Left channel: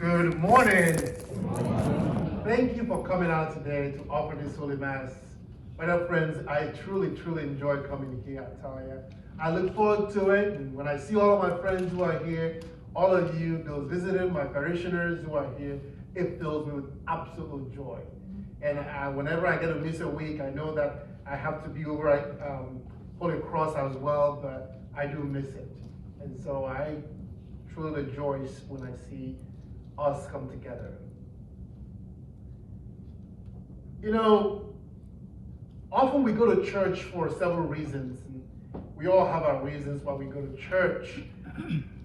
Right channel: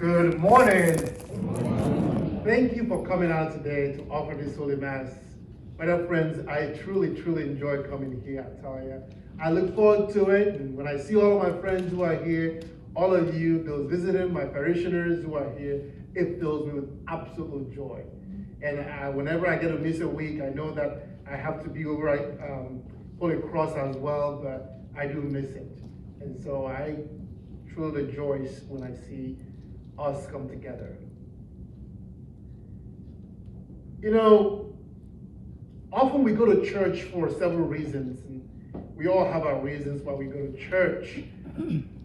Good morning. Thank you for coming out today to offer this Holy Mass. My dear friends, I truly enjoy coming here, I tell you. I look forward to it, and when I see all of my friends who are here, all of you, those visiting, my parishioners who are here, it fills me with absolute joy. And whenever I get to miss a week, I know that I have to be over at Holy Cross as well, but I do miss it. And so I truly rejoice when I see us come together. You know, often we go to church for several reasons, and we all have our reasons why we go to church.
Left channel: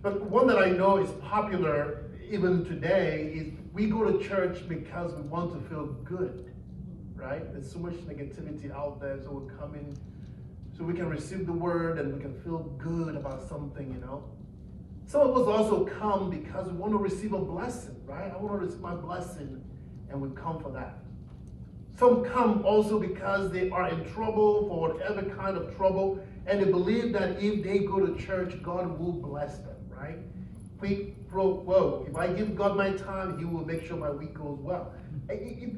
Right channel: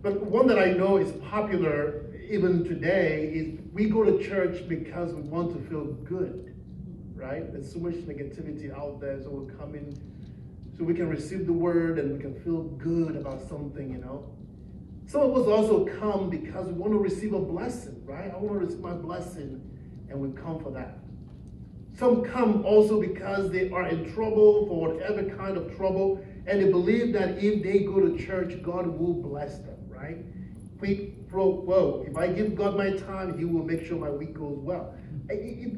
But one that I know is popular even today is we go to church because we want to feel good, right? There's so much negativity out there, so we come in so we can receive the word and we can feel good about something, you know. Some of us also come because we want to receive a blessing, right? I want to receive my blessing, and we come for that. Some come also because they are in trouble, for whatever kind of trouble, and they believe that if they go to church, God will bless them, right? If I give God my time, He will make sure my week goes well.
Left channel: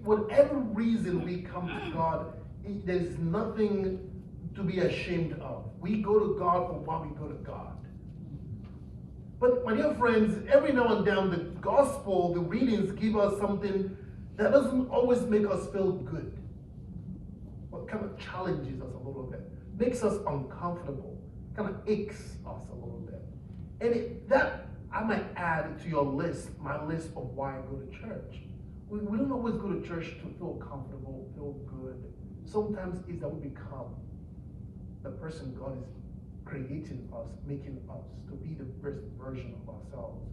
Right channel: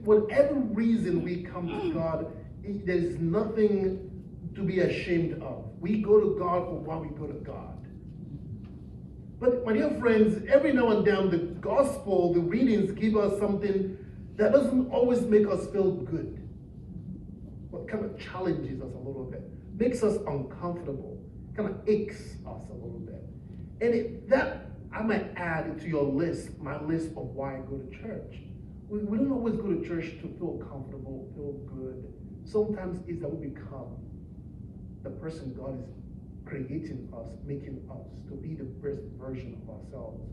Whatever reason we come to God, there's nothing to be ashamed of. We go to God for why we go to God. But my dear friends, every now and then the gospel, the readings give us something that doesn't always make us feel good. What kind of challenges us a little bit, makes us uncomfortable, kind of aches us a little bit. And that I might add to your list, my list of why I go to church. We don't always go to church to feel comfortable, feel good. Sometimes it's that we become the person God is creating us, making us to be the best version of ourselves.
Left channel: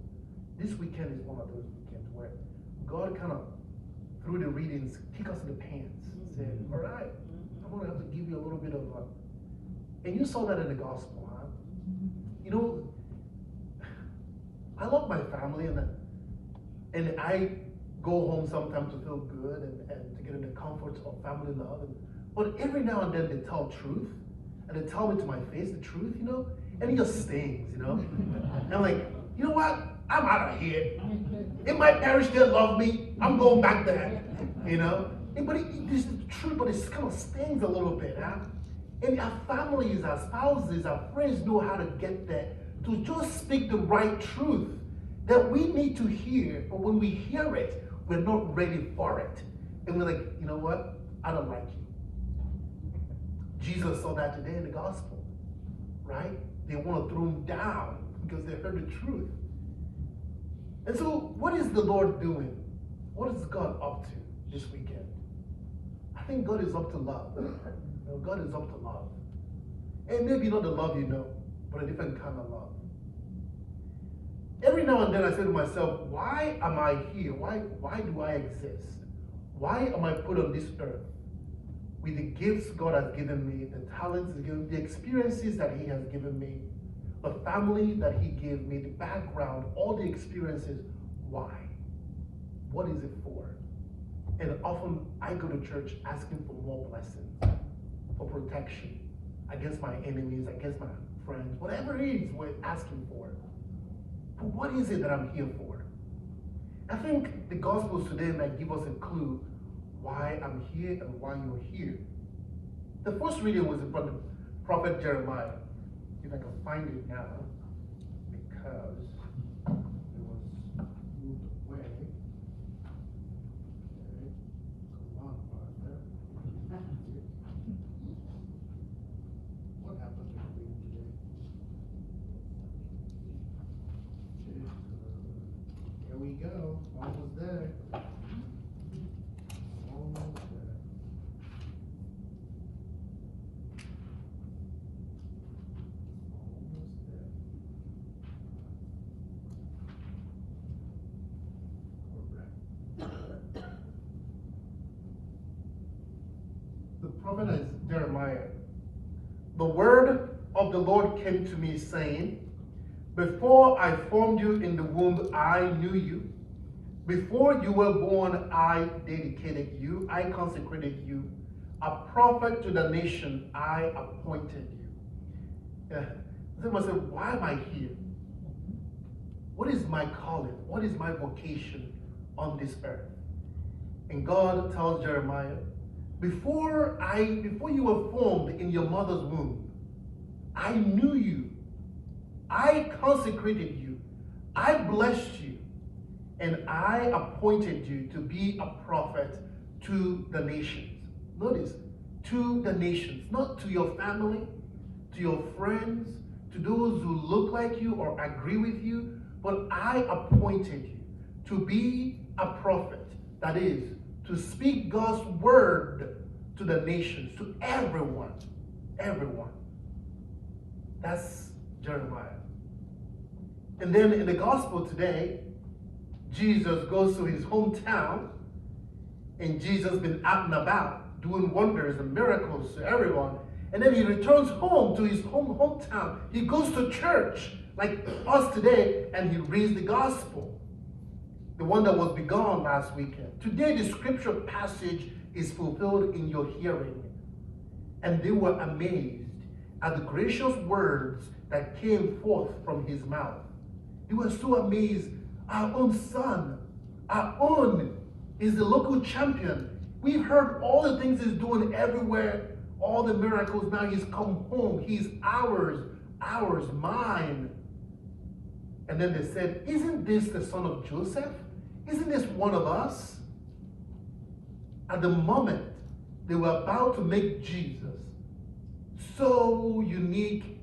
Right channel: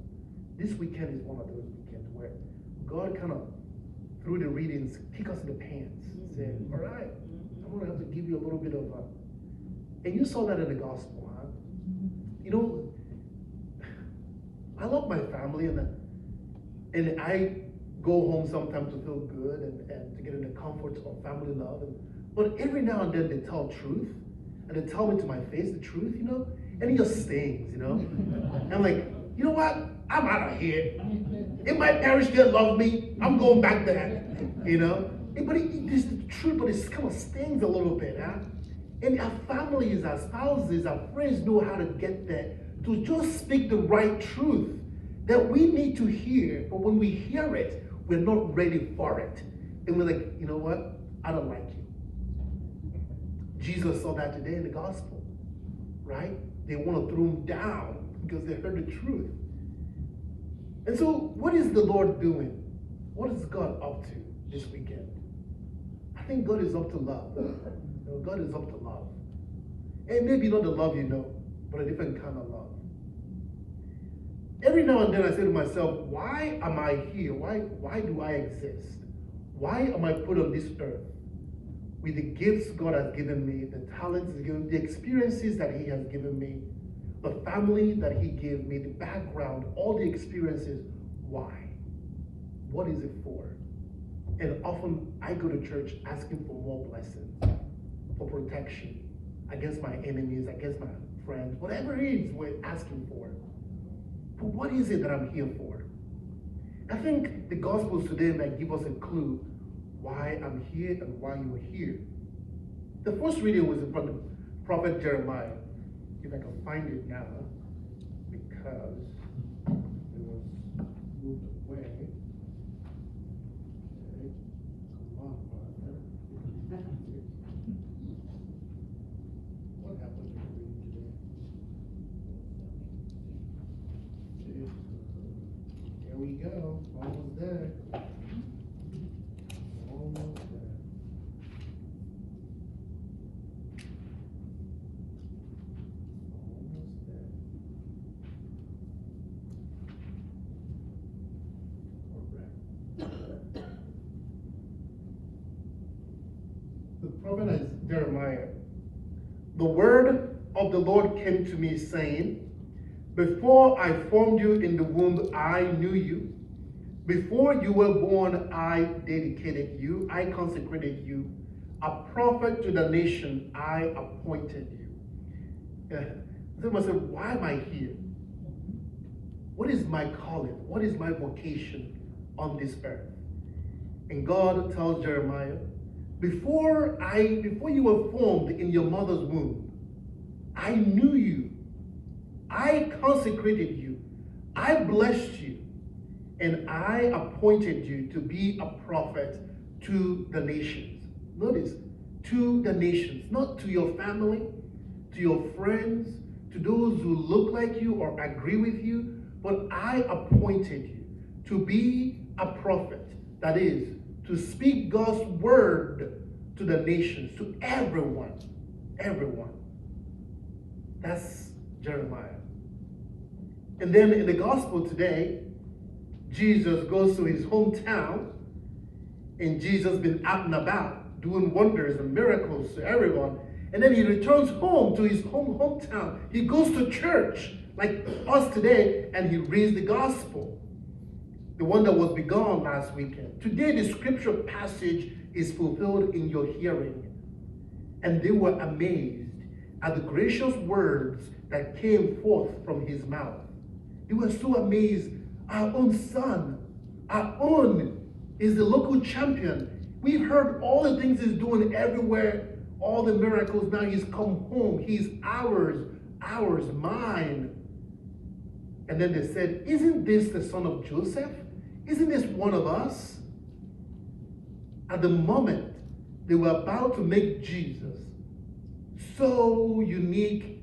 This weekend is one of those weekends where God kind of, through the readings, kick us in the pants. Said, all right, I'm going to have to give you a little bit of and you saw that in the gospel, huh? You know, I love my family, and I go home sometimes to feel good and to get in the comfort of family love. But every now and then they tell truth, and they tell me to my face the truth, you know, and it just stings, you know. And I'm like, you know what? I'm out of here. If my parish didn't love me, I'm going back there, you know. But this is true, but it kind of stings a little bit, huh? And our families, our spouses, our friends know how to get there, to just speak the right truth that we need to hear. But when we hear it, we're not ready for it. And we're like, you know what? I don't like you. Jesus saw that today in the gospel, right? They want to throw him down because they heard the truth. And so what is the Lord doing? What is God up to this weekend? I think God is up to love. You know, God is up to love. And maybe not the love you know, but a different kind of love. Every now and then I say to myself, why am I here? Why do I exist? Why am I put on this earth? With the gifts God has given me, the talents He's given me, the experiences that He has given me, the family that He gave me, the background, all the experiences. Why? What is it for? And often I go to church asking for more blessings, for protection against my enemies, against my friends, whatever it is we're asking for. But what is it that I'm here for? I think the Gospels today might give us a clue why I'm here and why you're here. The first reading was from the prophet Jeremiah. If I can find it now, because it was moved away. Okay. Come on, Father. What happened to the reading today? There we go. Almost there. The prophet is Jeremiah. The word of the Lord came to me saying, before I formed you in the womb, I knew you. Before you were born, I dedicated you. I consecrated you. A prophet to the nation, I appointed you. Someone said, why am I here? What is my calling? What is my vocation on this earth? And God tells Jeremiah, before you were formed in your mother's womb, I knew you. I consecrated you. I blessed you. And I appointed you to be a prophet to the nations. Notice, to the nations, not to your family, to your friends, to those who look like you or agree with you, but I appointed you to be a prophet. That is, to speak God's word to the nations, to everyone. Everyone. That's Jeremiah. And then in the gospel today, Jesus goes to his hometown, and Jesus been out and about doing wonders and miracles to everyone. And then he returns home to his hometown. He goes to church like us today, and he reads the gospel, the one that was begun last weekend. Today the scripture passage is fulfilled in your hearing. And they were amazed at the gracious words that came forth from his mouth. They were so amazed. Our own son, our own, is the local champion. We've heard all the things he's doing everywhere, all the miracles. Now he's come home. He's ours, mine. And then they said, isn't this the son of Joseph? Isn't this one of us? At the moment, they were about to make Jesus so unique,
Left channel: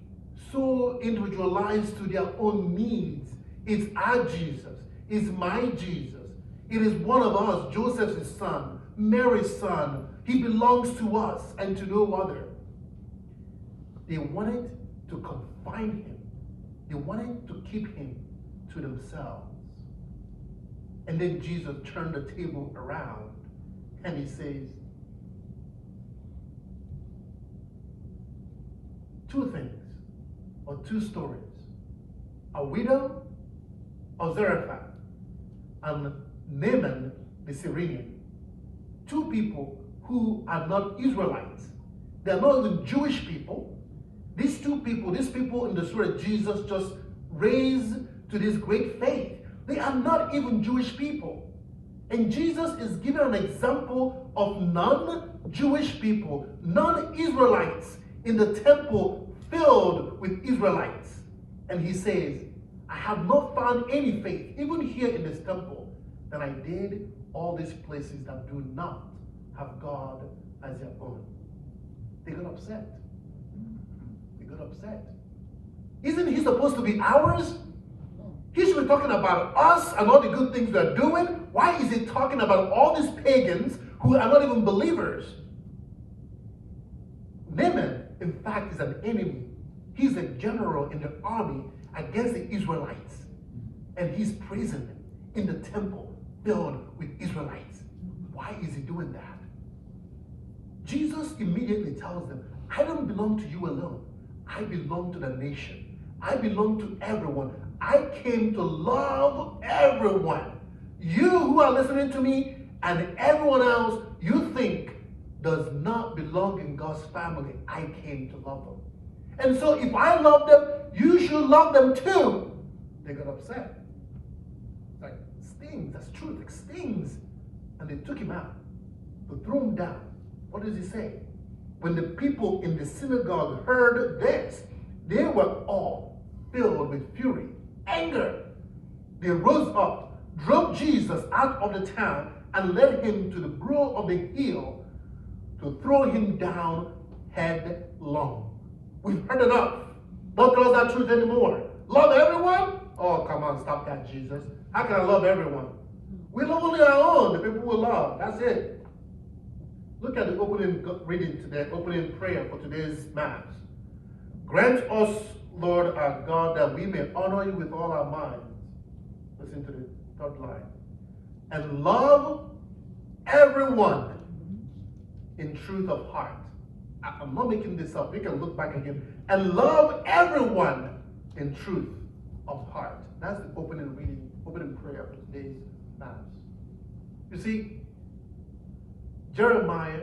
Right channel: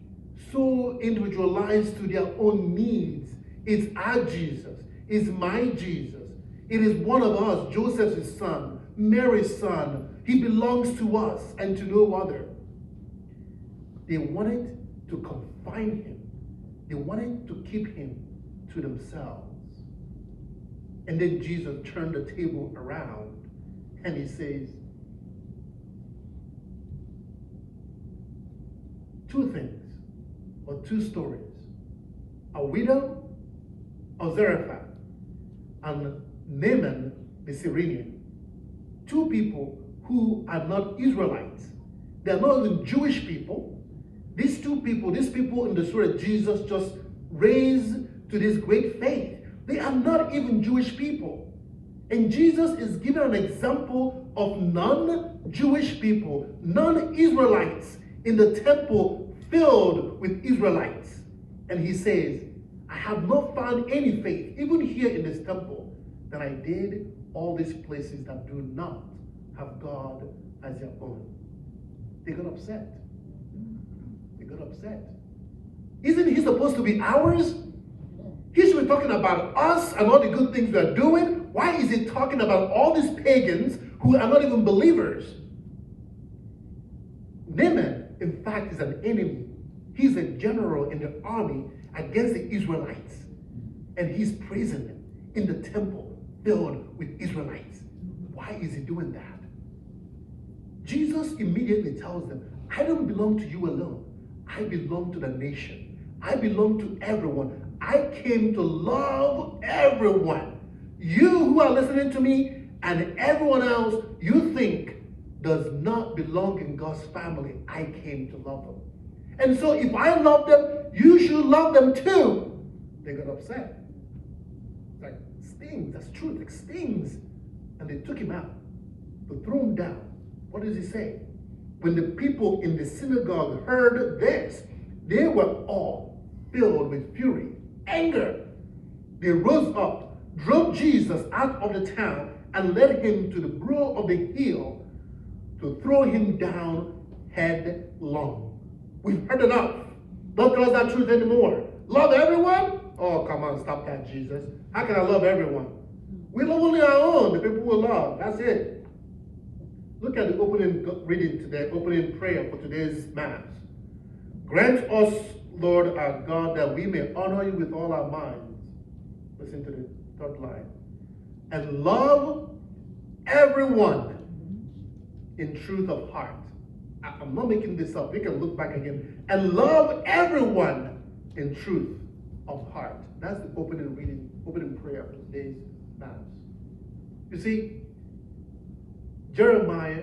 so individualized to their own needs. It's our Jesus. It's my Jesus. It is one of us, Joseph's son, Mary's son. He belongs to us and to no other. They wanted to confine him. They wanted to keep him to themselves. And then Jesus turned the table around and he says, two things or two stories. A widow of Zarephath and Naaman the Syrian. Two people who are not Israelites. They are not even Jewish people. These people in the story Jesus just raised to this great faith, they are not even Jewish people. And Jesus is giving an example of non-Jewish people, non-Israelites in the temple filled with Israelites. And he says, I have not found any faith, even here in this temple, than I did all these places that do not have God as their own. They got upset. They got upset. Isn't he supposed to be ours? He should be talking about us and all the good things we are doing. Why is he talking about all these pagans who are not even believers? Naaman, in fact, is an enemy. He's a general in the army against the Israelites. And he's praising them in the temple filled with Israelites. Why is he doing that? Jesus immediately tells them, I don't belong to you alone. I belong to the nation. I belong to everyone. I came to love everyone. You who are listening to me and everyone else you think does not belong in God's family, I came to love them. And so if I love them, you should love them too. They got upset. Like stings, that's true, like stings. And they took him out to throw him down. What does he say? When the people in the synagogue heard this, they were all filled with fury, anger. They rose up, drove Jesus out of the town, and led him to the brow of the hill to throw him down headlong. We've heard enough. Don't tell us that truth anymore. Love everyone? Oh, come on, stop that, Jesus. How can I love everyone? We love only our own, the people we love. That's it. Look at the opening reading today, opening prayer for today's Mass. Grant us, Lord our God, that we may honor you with all our minds. Listen to the third line. And love everyone in truth of heart. I'm not making this up. You can look back again. And love everyone in truth of heart. That's the opening reading, opening prayer for today's Mass. You see, Jeremiah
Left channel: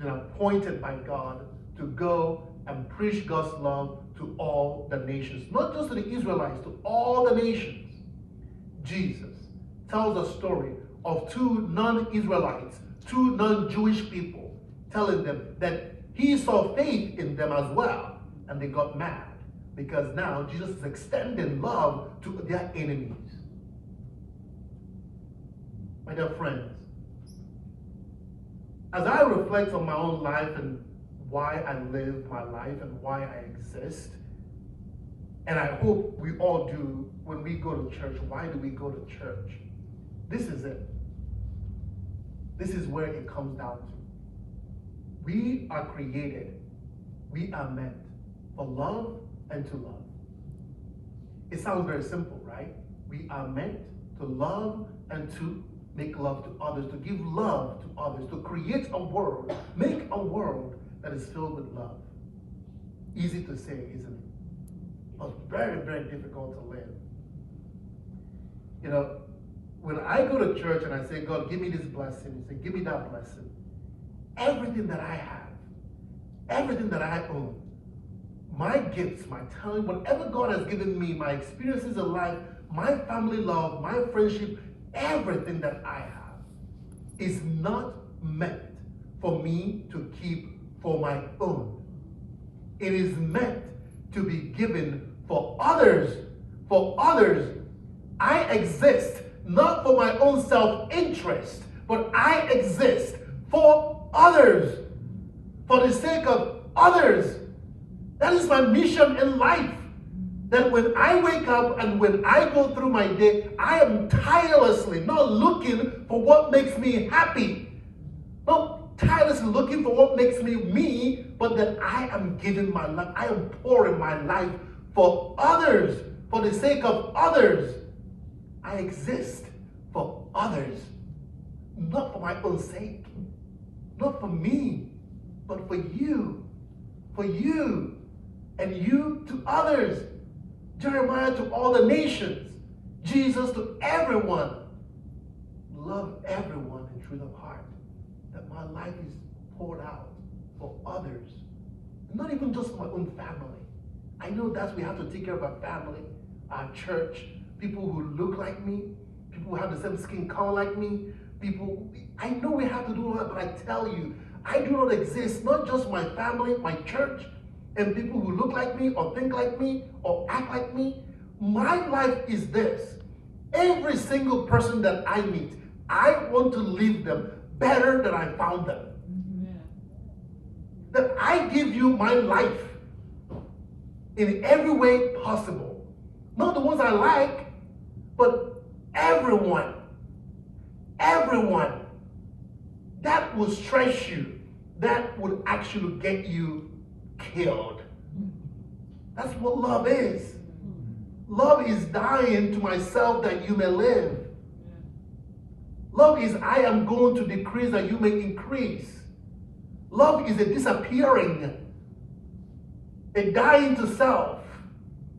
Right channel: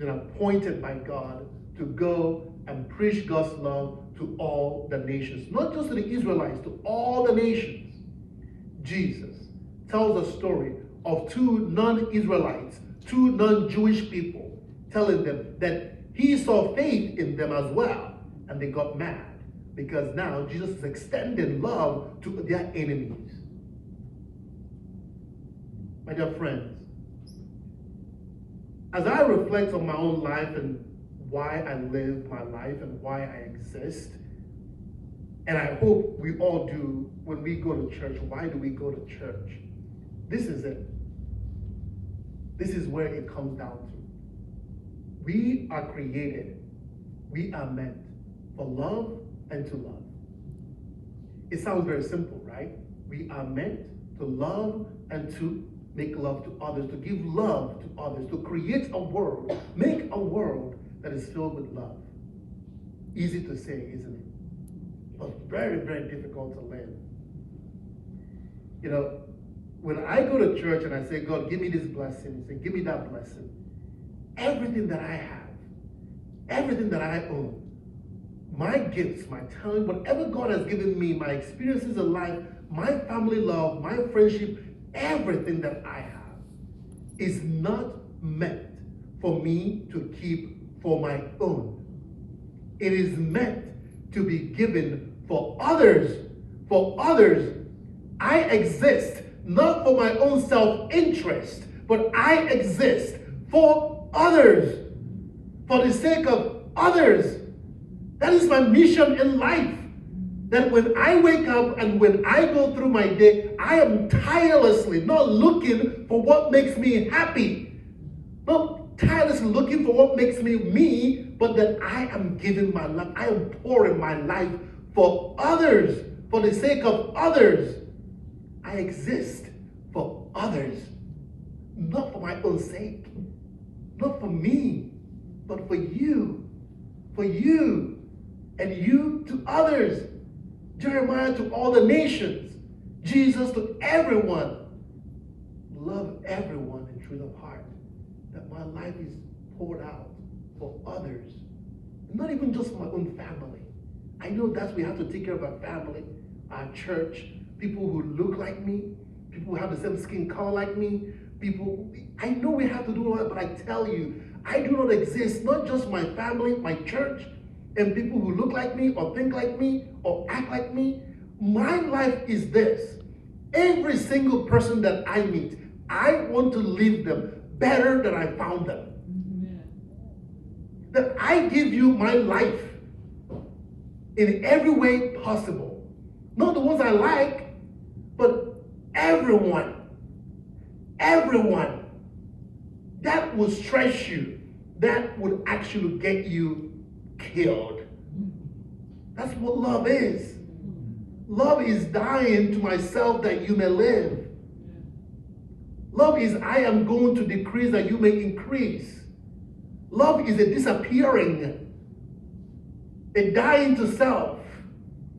is appointed by God to go and preach God's love to all the nations. Not just to the Israelites, to all the nations. Jesus tells a story of two non-Israelites, two non-Jewish people, telling them that he saw faith in them as well, and they got mad because now Jesus is extending love to their enemies. My dear friends, as I reflect on my own life and why I live my life and why I exist, and I hope we all do when we go to church. Why do we go to church? This is it. This is where it comes down to. We are created, we are meant for love and to love. It sounds very simple, right? We are meant to love and to make love to others, to give love to others, to create a world, make a world that is filled with love. Easy to say, isn't it? But very, very difficult to live. You know, when I go to church and I say, God, give me this blessing, say, give me that blessing, everything that I have, everything that I own, my gifts, my talent, whatever God has given me, my experiences in life, my family love, my friendship, everything that I have is not meant for me to keep for my own. It is meant to be given for others. For others. I exist not for my own self-interest, but I exist for others, for the sake of others. That is my mission in life. That when I wake up and when I go through my day, I am tirelessly not looking for what makes me happy, not tirelessly looking for what makes me, but that I am giving my life, I am pouring my life for others, for the sake of others. I exist for others, not for my own sake, not for me, but for you, and you to others. Jeremiah to all the nations, Jesus to everyone. Love everyone in truth of heart, that my life is poured out for others, not even just my own family. I know that we have to take care of our family, our church, people who look like me, people who have the same skin color like me, people, I know we have to do all that, but I tell you, I do not exist, not just my family, my church, and people who look like me or think like me or act like me. My life is this. Every single person that I meet, I want to leave them better than I found them. Amen. That I give you my life in every way possible. Not the ones I like, but everyone. Everyone. That will stress you. That would actually get you killed. That's what love is. Love is dying to myself that you may live. Love is I am going to decrease that you may increase. Love is a disappearing, a dying to self.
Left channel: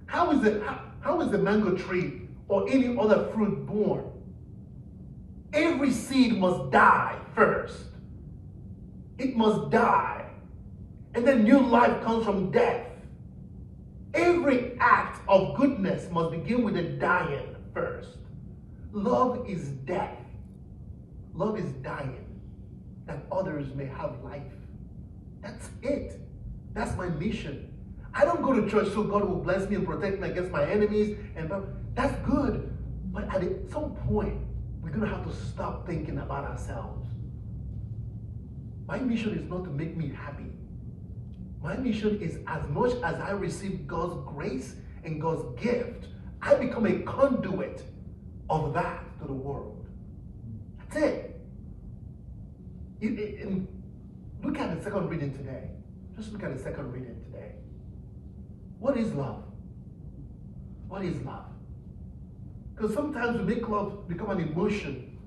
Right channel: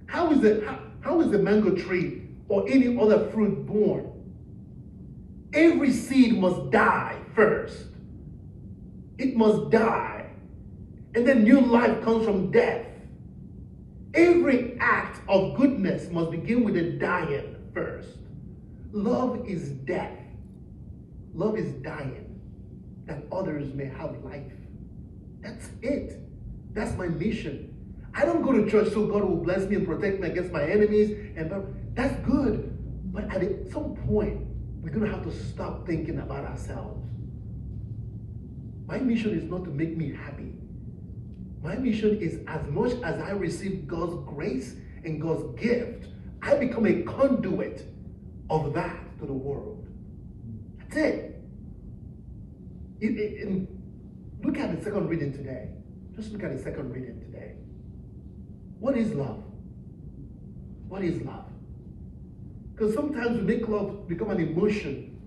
How is the mango tree or any other fruit born? Every seed must die first. It must die. And then new life comes from death. Every act of goodness must begin with a dying first. Love is death. Love is dying, that others may have life. That's it. That's my mission. I don't go to church so God will bless me and protect me against my enemies. And that's good. But at some point, we're going to have to stop thinking about ourselves. My mission is not to make me happy. My mission is as much as I receive God's grace and God's gift, I become a conduit of that to the world. That's it. Look at the second reading today. Just look at the second reading today. What is love? What is love? Because sometimes we make love become an emotion.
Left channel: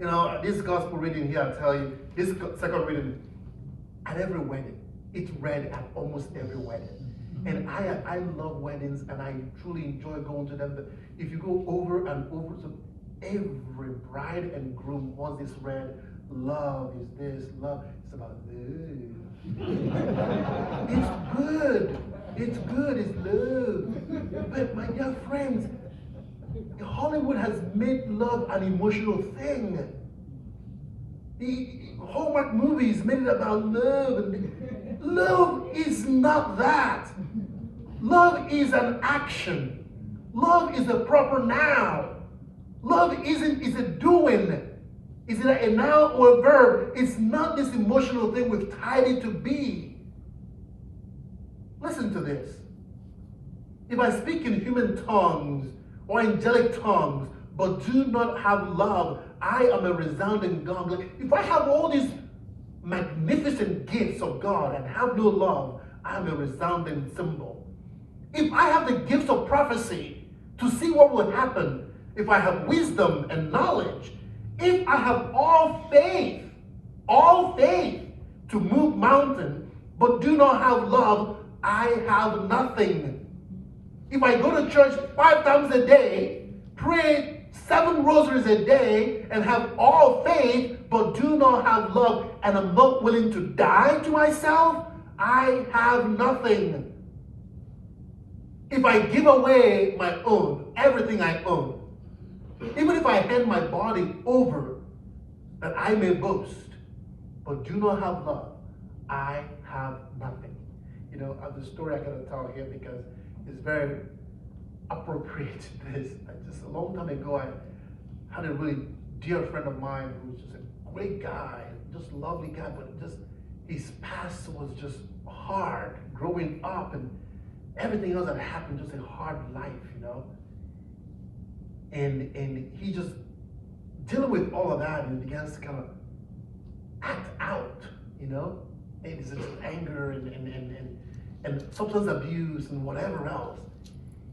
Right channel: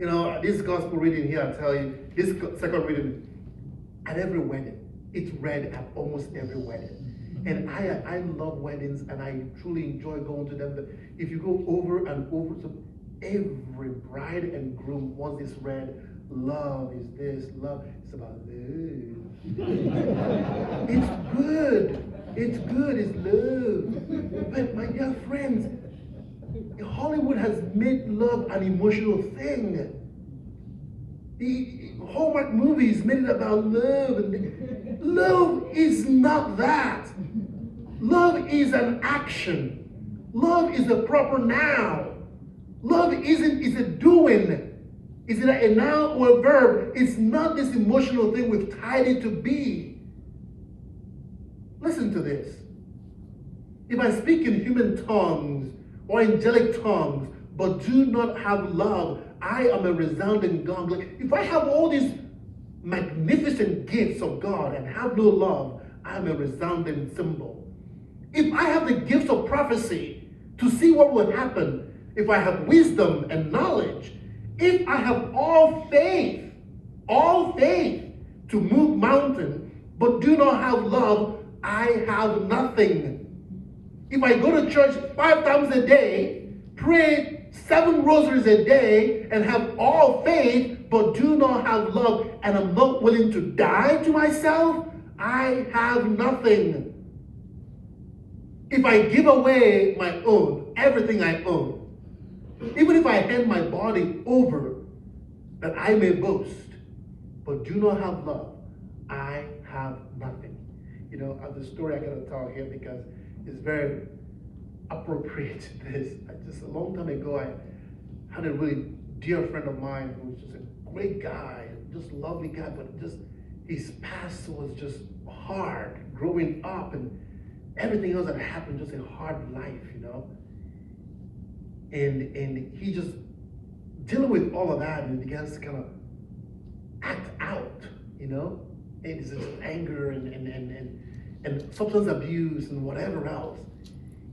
You know, this gospel reading here, I tell you, this second reading, at every wedding, it's read at almost every wedding. And I love weddings and I truly enjoy going to them. But if you go over and over, so every bride and groom wants this read. Love is this, love. It's about love. It's good. It's good, it's love. But my dear friends, Hollywood has made love an emotional thing. The Hallmark movies made it about love. And love is not that. Love is an action. Love is a proper noun. Love is a doing. Is it a noun or a verb? It's not this emotional thing we've tied it to be. Listen to this. If I speak in human tongues or angelic tongues, but do not have love, I am a resounding gong. Like, if I have all these magnificent gifts of God and have no love, I'm a resounding cymbal. If I have the gifts of prophecy to see what will happen, if I have wisdom and knowledge, if I have all faith to move mountains, but do not have love, I have nothing. If I go to church 5 times a day, pray 7 rosaries a day, and have all faith, but do not have love, and I'm not willing to die to myself, I have nothing. If I give away my own, everything I own, even if I hand my body over that I may boast, but do not have love, I have nothing. You know, the story I gotta tell here because it's very appropriate to this. Just a long time ago, I had a really dear friend of mine who was just a great guy, just lovely guy, but just his past was just hard growing up, and everything else that happened, just a hard life, you know. And he just dealing with all of that, and he begins to kind of act out, you know, and it's just anger and substance abuse and whatever else.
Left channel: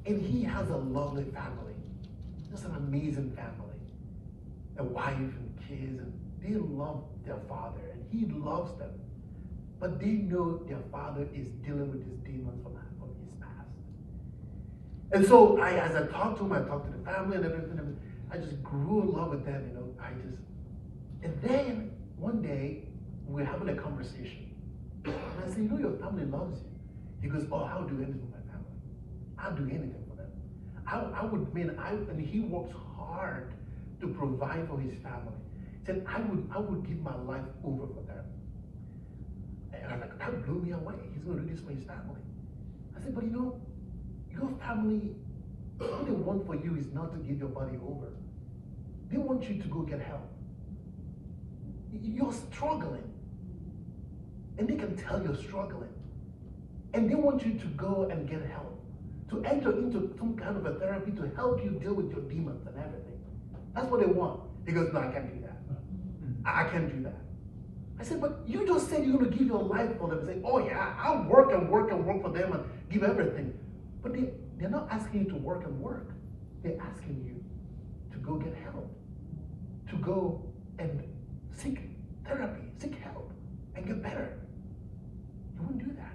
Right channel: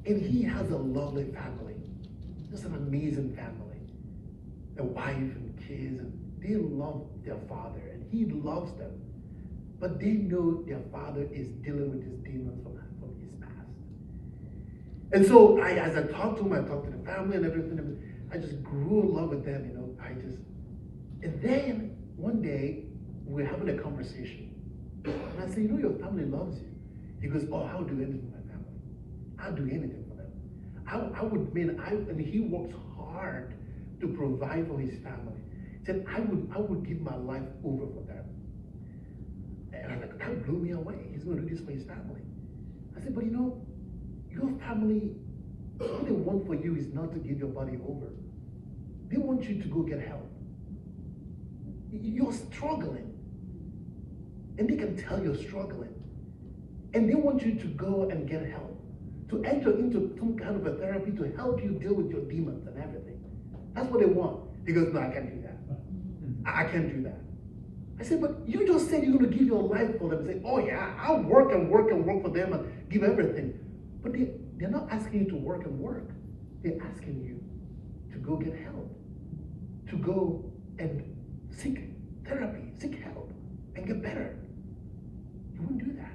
And he has a lovely family, just an amazing family, a wife and kids, and they love their father, and he loves them. But they know their father is dealing with these demons from his past. And so as I talked to him, I talked to the family and everything, and I just grew in love with them, you know. And then one day, we were having a conversation. And I said, you know, your family loves you. He goes, oh, I'll do anything for my family. I'll do anything for them. And he works hard to provide for his family. He said, I would give my life over for them. And I was like, that blew me away. He's going to do this for his family. I said, but you know, your family, what they want for you is not to give your body over. They want you to go get help. You're struggling. And they can tell you're struggling. And they want you to go and get help, to enter into some kind of a therapy to help you deal with your demons and everything. That's what they want. He goes, no, I can't do that. I can't do that. I said, but you just said you're going to give your life for them. Say, oh yeah, I'll work and work and work for them and give everything. But they're not asking you to work and work. They're asking you to go get help, to go and seek therapy, seek help, and get better. You wouldn't do that.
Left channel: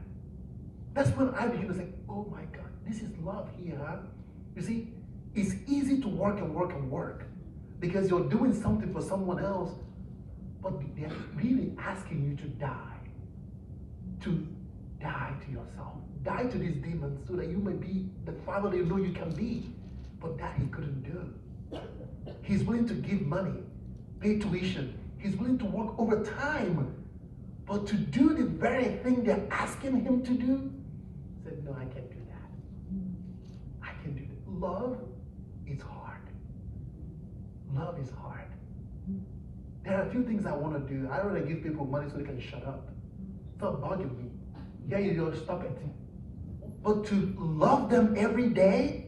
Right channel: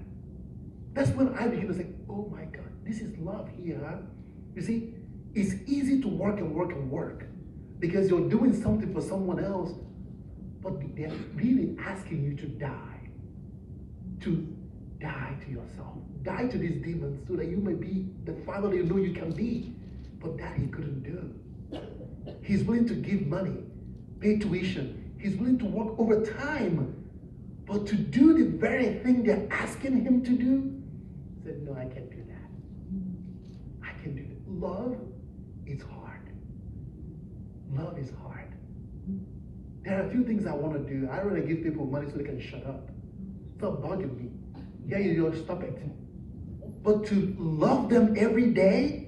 That's when I began to say, oh my God, this is love here. Huh? You see, it's easy to work and work and work because you're doing something for someone else, but they're really asking you to die to yourself, die to these demons so that you may be the father you know you can be. But that he couldn't do. He's willing to give money, pay tuition. He's willing to work overtime. But to do the very thing they're asking him to do, he said, no, I can't do that. I can't do that. Love is hard. Love is hard. There are a few things I want to do. I rather give people money so they can shut up. Stop bugging me. Yeah, you stop it. But to love them every day,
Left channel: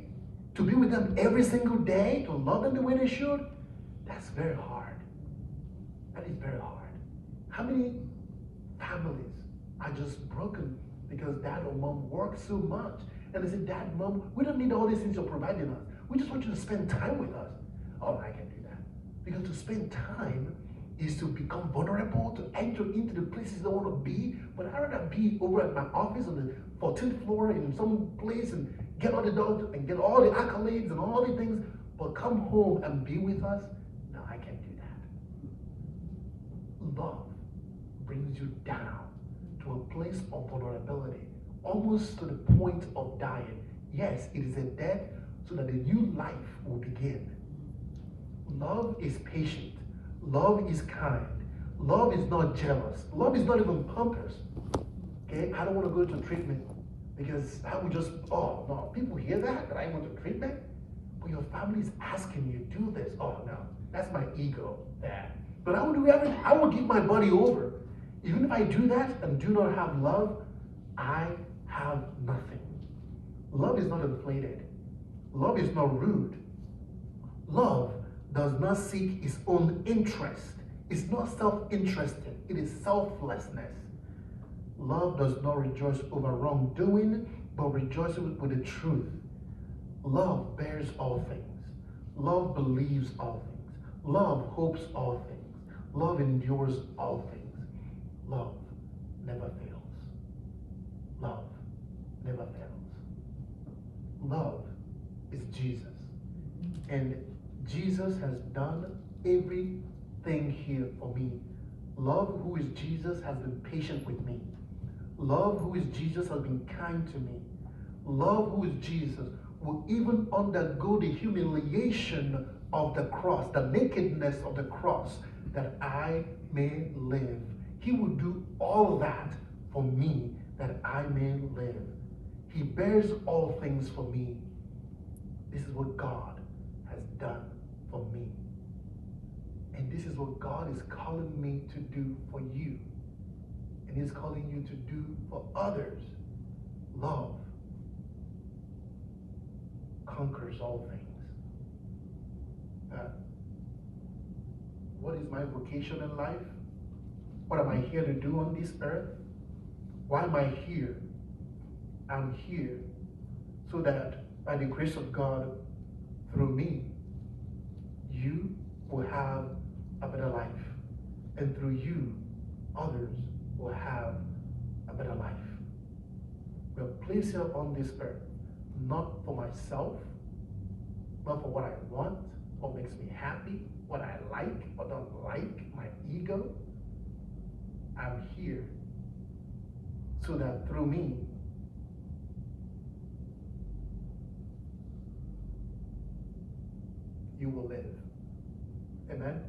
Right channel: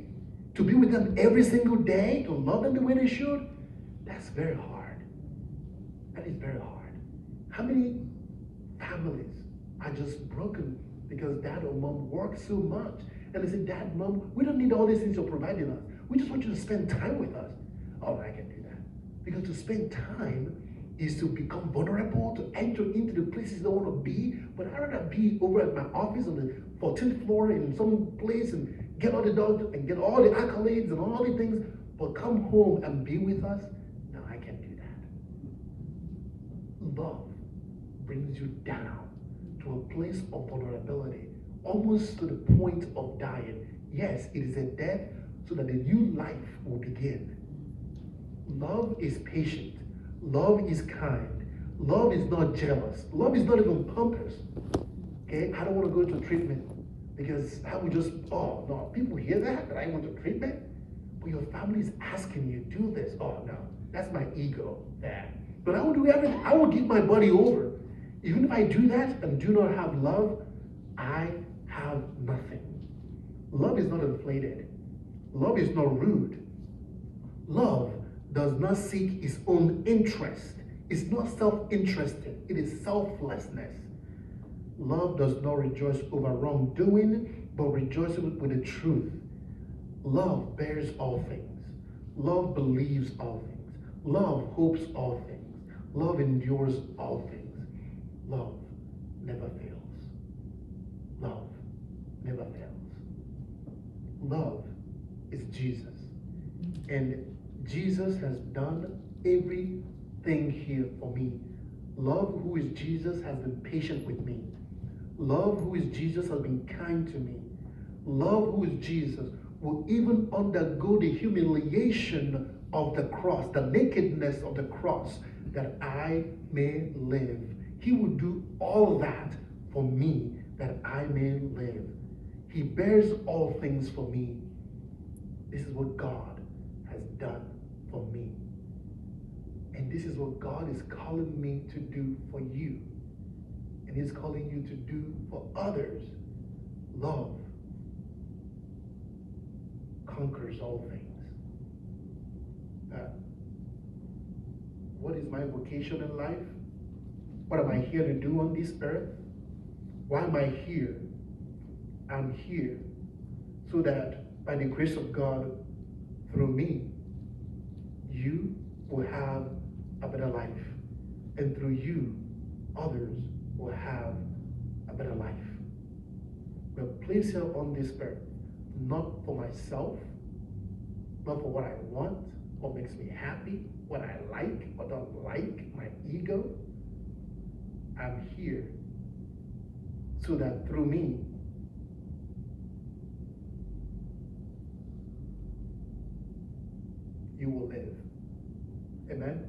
to be with them every single day, to love them the way they should, that's very hard. That is very hard. How many families are just broken because dad or mom work so much? And they say, Dad, Mom, we don't need all these things you're providing us. We just want you to spend time with us. Oh, I can do that. Because to spend time is to become vulnerable, to enter into the places you don't want to be. But I'd rather be over at my office on the 14th floor in some place and get all the dogs and get all the accolades and all the things, but come home and be with us. No, I can't do that. Love brings you down to a place of vulnerability, almost to the point of dying. Yes, it is a death so that a new life will begin. Love is patient. Love is kind. Love is not jealous. Love is not even pompous. Okay, I don't want to go into treatment because I would just, oh no, people hear that I went to treatment, but your family is asking you to do this. Oh no, that's my ego. Yeah. But I will do everything. I will give my body over. Even if I do that and do not have love, I have nothing. Love is not inflated. Love is not rude. Love does not seek its own interest. It's not self-interested. It is selflessness. Love does not rejoice over wrongdoing, but rejoices with the truth. Love bears all things. Love believes all things. Love hopes all things. Love endures all things. Love never fails. Love never fails. Love is Jesus. And Jesus has done everything here for me. Love, who is Jesus, has been patient with me. Love, who is Jesus, has been kind to me. Love, who is Jesus, will even undergo the humiliation of the cross, the nakedness of the cross, that I may live. He will do all that for me, that I may live. He bears all things for me. This is what God has done for me. And this is what God is calling me to do for you. And He's calling you to do for others. Love conquers all things. What is my vocation in life? What am I here to do on this earth? Why am I here? I'm here so that by the grace of God, through me, you will have a better life. And through you, others will have a better life. We're placed here on this earth, not for myself, not for what I want, what makes me happy, what I like, what I don't like, my ego. I'm here so that through me, you will live. Amen?